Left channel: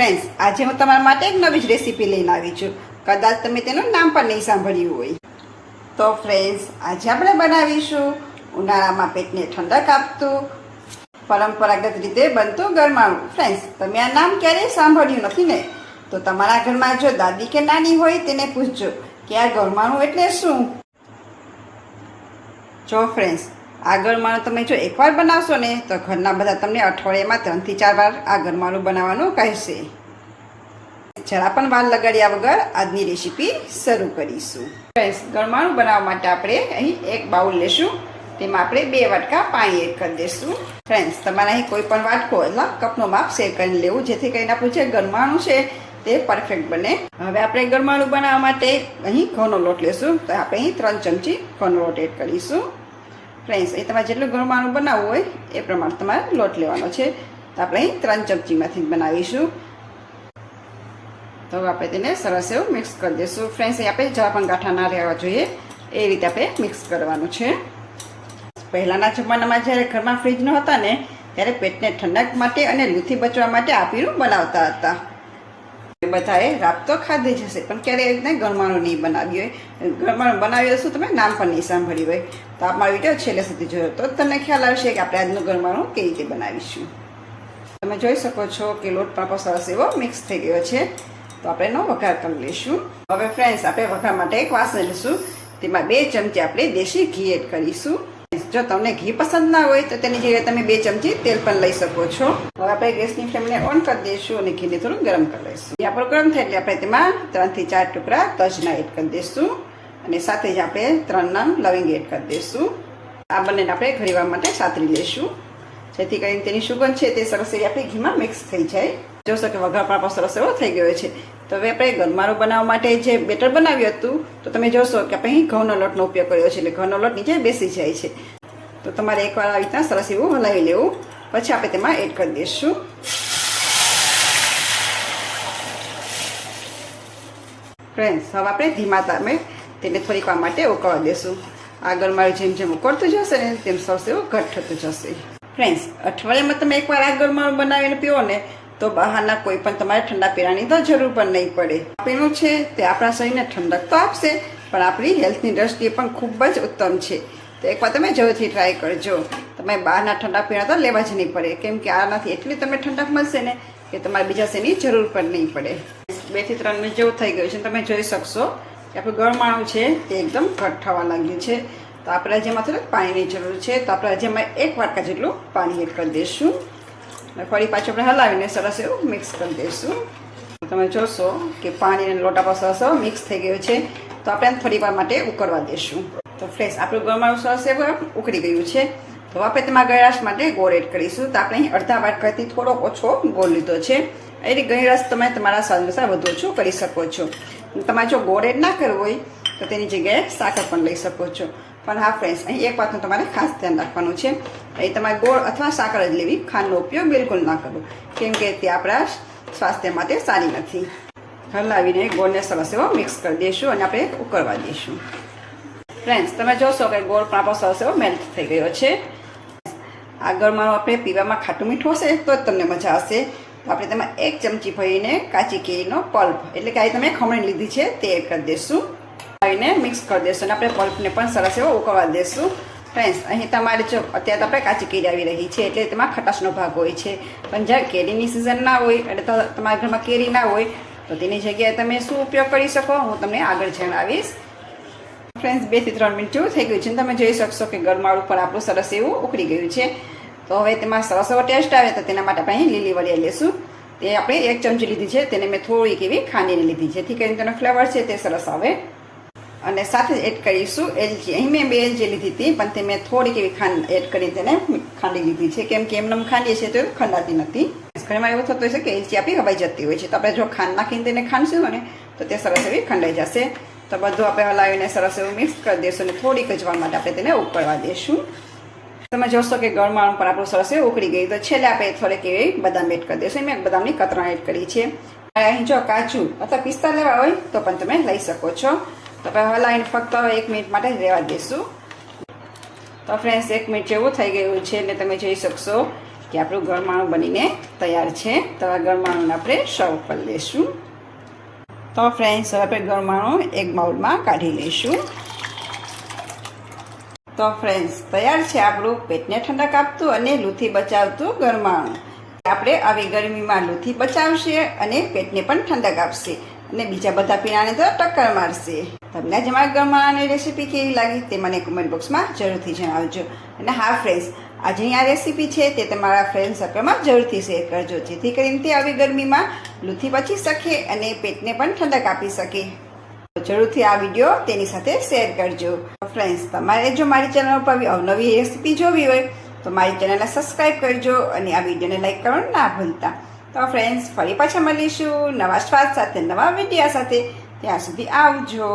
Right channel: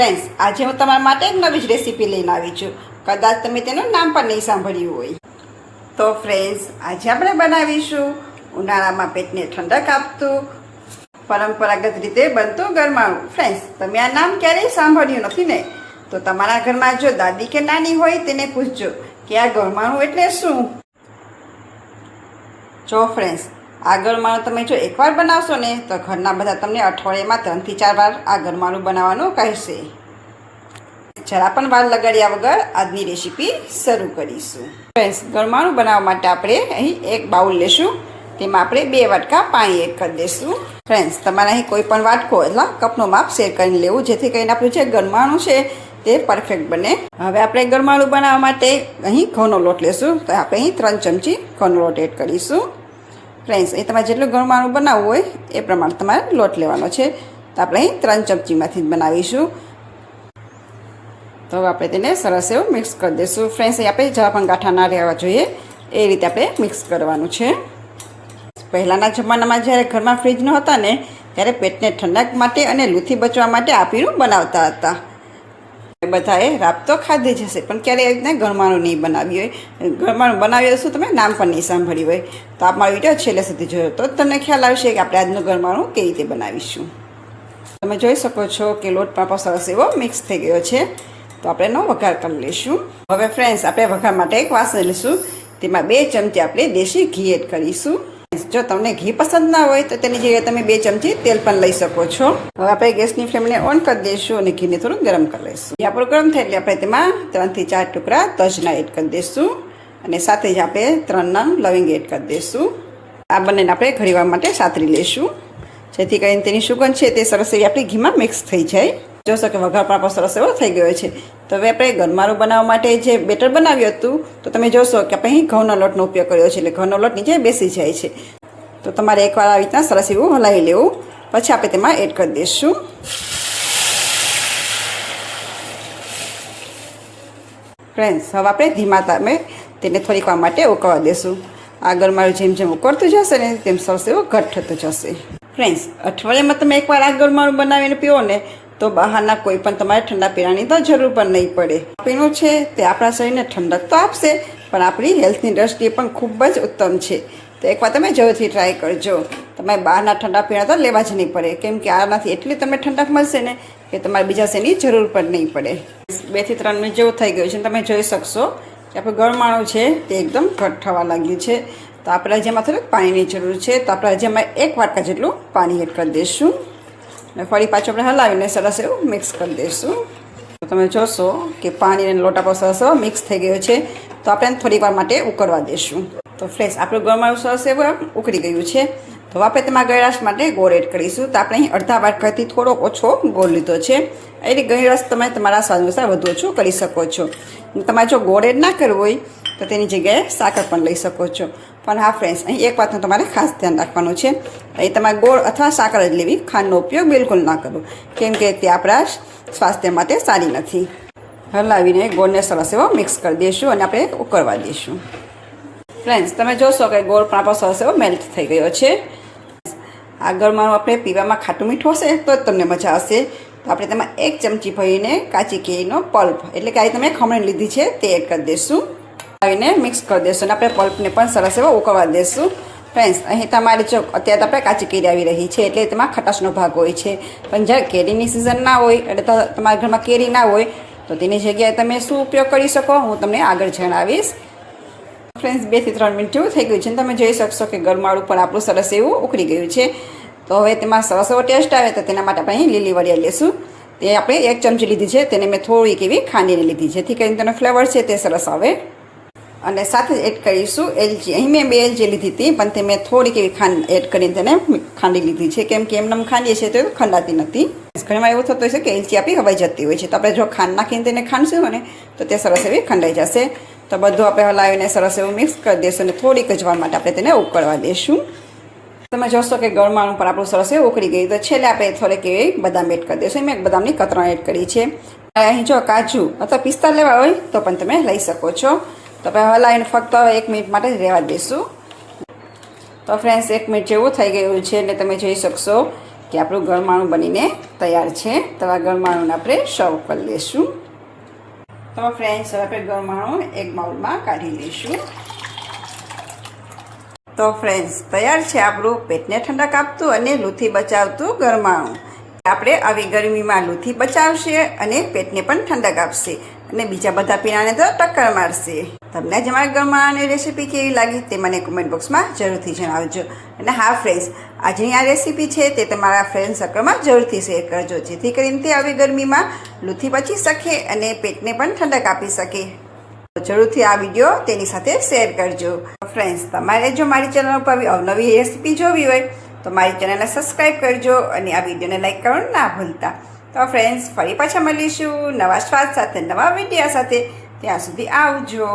Friends, આજે હું તમારા માટે એક નવી જ રેસીપી લઈને આવી છું. કદાચ તમે તેનું નામ પણ નહીં સાંભળ્યું હોય. તો ફ્રેન્ડ્સ, આજે આપણે બનાવીશું ઉનાળામાં પેટને ઠંડક આપતું પરંપરાગત રીતે બનતું ગરમાળું. ફ્રેન્ડ્સ, તમે આ નામ ક્યારેય સાંભળ્યું નથી ને? તો તમારા ઘરમાં જો દાદી કે નાની હોય તેને પૂછજો કે આ ગરમાળું એટલે શું. જો ફ્રેન્ડ્સ, આ ગરમાળું તમે જો એકવાર બનાવશો ને તો ઘરના બધા તમને અઠવાડિયામાં 3 થી 4 વાર આ ગરમાળું બનાવવાનું કહેશે. જરા પણ વાર લગાડ્યા વગર આજની રેસીપી શરૂ કરીશું. ફ્રેન્ડ્સ, ગરમાળું બનાવવા માટે આપણે અહીં એક બાઉલ લેશું. તેમાં આપણે 2 વાટકા પાણી એડ કરી દઈશું. ફ્રેન્ડ્સ, તમારે અહીં કોઈ પણ વાટકો એટલે કપનું માપ શેર કરીને લેવું, જેથી કરીને આપણું જે ગરમાળું છે તે પરફેક્ટ બને. હવે આપણે ગરમાળું બનાવવા માટે અહીં ઘઉંનો લોટ લેશું. તો આપણે અહીં 3 ચમચી ઘઉંનો લોટ એડ કરીશું. ફ્રેન્ડ્સ, એ તમારે જેટલું ગરમાળું બનાવવું હોય એ પ્રમાણે તમારે લોટ લેવાનો છે. તો આપણે અહીં 3 ચમચીમાંથી જ બનાવીશું. તો આપણે તેને સરસ એવું મિક્સ કરી દઈશું. ફ્રેન્ડ્સ, અહીં આપણે જરા પણ ગાંઠા ના રહેવા જોઈએ એ રીતે આપણે મિક્સ કરવાનું છે. પહેલાંના જમાનામાં જ્યારે ઘરમાં ફ્રીજ નહોતા ને ત્યારે પેટને ઠંડક માટે અને લૂથી બચવા માટે આ પીણું બનાવતા હતા. બધાએ રાત તો ખાધી જ હશે, પણ ક્યારેય એવી રીતે ગરમાળું નહીં બનાવ્યું હોય. ગરમાળું બનાવ્યું હશું તમે નામ પણ નહીં સાંભળ્યું હોય. તો આ મારો વિડીયો છેલ્લે સુધી જોયો તો તમને ખ્યાલ આવશે કે આપણે આજનું ગરમાળું કેવી રીતે બનાવીશું. તમે જોઈ શકો છો કે લોટ પણ સરસ એવો મિક્સ થઈ ગયો છે. તો આપણે એનો વઘાર કરી લઈશું. હવે ફ્રેન્ડ્સ, આપણે વઘાર માટે એક વાસણ લઈશું. તેમાં 2 ચમચી આપણે દેશી ઘી એડ કરીશું. જો તમને ઘી પસંદ ના હોય તો તેની જગ્યાએ તમે 2 ચમચી તેલ પણ લઈ શકો છો. હવે આપણે ગેસની ફ્લેમને ઓન કરી દઈશું અને ઘીને થોડું ગરમ કરી લઈશું. ઘી આપણું ગરમ થાય એટલે આપણે તેમાં 3 થી 4 ટુકડા તજના એડ કરી દઈશું અને સાથે જ આપણે 3 નંગ લવિંગ એડ કરી દઈશું. આ બંનેને આપણે ઘડીવાર માટે સાતરી લઈશું, જેથી કરીને તેની સુગંધ છે તે સરસ એવી આપણી ઘીમાં મિક્સ થઈ જાય. જોશો કે વઘાર પણ આપણો સરસ એવો થઈ ગયો છે. તો હવે આપણે ગરમાળું બનાવવા માટે જે બેટર બનાવ્યું હતું તો તમે જોશો કે આપણે અહીં ઘઉંનો લોટનો ઉપયોગ કર્યો છે, એટલે ઘઉંનો લોટ નીચે બેસી જાય છે. તો તમારે એકવાર આવી રીતના સરસ એવું હલાવી લેવું. પછી આપણે તેમાં એડ કરી દઈશું. ફ્રેન્ડ્સ, હવે આપણે ધીમા તાપે તેને થોડીક વાર માટે ઉકળવા દઈશું. આ ગરમાળું જેમ જેમ ઉકળતું જશે ને તેમ સરસ એવું ઘટ થતું જશે. ફ્રેન્ડ્સ, અઠવાડિયામાં તમે એકવાર આ ગરમાળું બનાવીને પીવો ને તો બહારના કોઈ પણ તમારે ઠંડા પીણાની તો જરૂર પણ નહીં પડે. પીણું છે તે આપણા શરીરને ઠંડક તો આપશે, પણ આપણી હેલ્થની દ્રષ્ટિએ પણ ખૂબ જ ઉત્તમ છે. તો એકવાર તમે જરૂરથી ટ્રાય કરજો. તમે બહારના ઠંડા પીણા તો લેવા જ નહીં પડે, કેમ કે આનાથી એટલી તમને ઠંડક મળશે ને કે તમારે બીજા શેની જરૂર પણ નહીં પડે. 2 થી 3 મિનિટ જેવું થઈ ગયું છે. તમે જોઈ શકશો કે આપણું ગરમાળું છે તે એકદમ ઘટ થવા લાગ્યું છે. તો આપણે જેમાં થોડુંક પાણીની જરૂર છે. તો આપણે જેમાં 1 વાટકા જેટલું પાણી એડ કરી દઈશું અને ફરી પાછું આપણે હલાવીને સરસ એવું મિક્સ કરી દઈશું. તો તમે જોશો કે પાણી અને લોટ આપણો સરસ મિક્સ થઈ ગયો છે. તો આપણે થોડી વાર માટે ઉકળવા દઈશું. તો ફ્રેન્ડ્સ, આપણું ગરમાળું સરસ એવું ઉકળી ગયું છે. તો આપણે તેમાં ગળાશ માટે ગોળ એડ કરીશું. તો આપણે અહીં અડધા વાટકાથી થોડોક ઓછો ગોળ લીધો છે. એટલે ગળાશ તમે તમારા સ્વાદ અનુસાર વધુ ઓછું કરી શકો છો. તમારે જો ગોળ એડ ના કરવું હોય તો તેની જગ્યાએ સાકર પણ લઈ શકો છો. પણ હા ફ્રેન્ડ્સ, અહીં એક વાતનું તમારે ખાસ ધ્યાન રાખવાનું છે. અહીં તમારે ગોળ અથવા સાકર જ લેવી, ખાંડનો ઉપયોગ બિલકુલ ના કરવો, કેમ કે તે આપણા સ્વાસ્થ્ય માટે સારી નથી. હલાવીને ગોળને સરસ એવો મિક્સ કરી દઈશું અને આપણે ઉકળવા દઈશું. ફ્રેન્ડ્સ, તમે જોશો કે ગોળ પણ આપણો સરસ એવો મેલ્ટ થઈ ગયો છે. આ ગરમાળું આપણે પીવામાં ખાટું મીઠું હશે તો જ તમને મજા આવશે. તો આપણે તેમાં 1 ચમચી ભરીને કાચી કેરીનો પલ્પ એટલે કે આ તમે ખમણી લીધી છે તે એડ કરી દઈશું. આવીને મિક્સ કરી દઈશું અને આપણે પલ્પને પણ સરસ એવો ઉકળવા દઈશું. ફ્રેન્ડ્સ, અહીં તમારે જો અત્યારે આપણે કાચી કેરી આવી રહી છે એટલે તેમાં ખટાશનો ભાગ હોય છે. પણ જ્યારે કેરીની સિઝન ના હોય એટલે તમારા ઘરમાં કેરી ના હોય તો તેની જગ્યાએ તમે શું ઉપયોગ કરી શકો હું તમને આગળ જણાવીશ. ફ્રેન્ડ્સ, 2 થી 3 મિનિટ જેવું થઈ ગયું છે. તમે જોઈ શકશો કે ગરમાળું પણ આપણું સરસ એવું ઉકળી ગયું છે. તો હવે તેમાં સરસ એવો ટેસ્ટ આવે તો તેના માટે આપણે અહીં લીલી વરિયાળી લઈશું. તે આપણે 1 ચમચી લીધી છે. તેને મેં થોડીક એવી ખાંડીને લીધી, જેથી કરીને તેનો ફ્લેવર છે તે સરસ આવે. અને સાથે જ એડ કરીશું એલચી. અહીં મેં 2 એલચી લીધી હતી, પણ તે મેં થોડીક એવી ખાંડ એડ કરીને તેને ખાંડી લીધી છે, કેમ કે એમને ખાંડીએ છીએ તો ખંડાતી નથી. ઘણીવાર એવું થતું હોય છે કે એલચી આપણી હવાઈ જતી હોય છે. તો આપણે જો ખાંડ નાખીને તેને ખાંડશું ને તો તે સરસ એવી ખંડાઈ જશે. તો બધું આપણે હલાવીને સરસ એવું મિક્સ કરી દઈશું અને થોડીક જ વાર માટે આપણે તેને ઉકળવા દઈશું. તમે જોશો કે ગરમાળું પર આપણું સરસ એવું ઉકળી ગયું. તો છેલ્લે આપણે થોડીક એવી બદામ એડ કરી દઈશું. મેં બદામની કતરણ એડ કરી છે. અહીં જો કાજુ અથવા પિસ્તા લેવા હોય તો પણ તમે લઈ શકો છો. તો આપણે હલાવીને ફક્ત 1 મિનિટ માટે જ રહેવા દઈશું. તો ફ્રેન્ડ્સ, 1 મિનિટ જેવું થઈ ગયું છે એટલે તમે જોઈ શકશો કે આપણું ગરમાણું બનીને તૈયાર છે. તો આ ગરમાણુંને આપણે સર્વ કરી લઈશું. તો ફ્રેન્ડ્સ, હવે આપણે ગરમાણું એક બાઉલમાં કાઢી લઈશું. તો ફ્રેન્ડ્સ, તૈયાર છે આપણું પેટને ઠંડક આપતું અને લૂથી બચાવતું ગરમાણું. આપણે આવી ગરમીમાં લૂથી બચાવશે અને પેટને પણ ઠંડક આપશે અને બીજા બધા પીણાને તો ટક્કર મારશે. તમને જ અમારી ગરમાની રેસીપી કેવી લાગી તે મને કોમેન્ટ બોક્સમાં જરૂરથી જણાવજો. અને હા ફ્રેન્ડ્સ, આજની આ રેસીપી છે તે તમારા ફ્રેન્ડ સર્કલમાં જરૂરથી શેર કરજો, જેથી કરીને તે આવી ગરમીમાં લૂથી બચી શકે અને પેટને પણ ઠંડક આપી શકે. જરૂરથી આ વિડીયો તેની સાથે શેર કરજો. ફ્રેન્ડ્સ, તમારે જો મારી ચેનલ પર અવનવી રેસીપી જોવી હોય તો મારી ચેનલને સબસ્ક્રાઈબ કરજો અને આ વિડીયોને લાઈક કરવાનું ના ભૂલતા. તો ફ્રેન્ડ્સ, ફરી પાછા મળીશું નવા સ્વાદ સાથે, નવા વિડીયો સાથે. ત્યાં સુધી આવજો.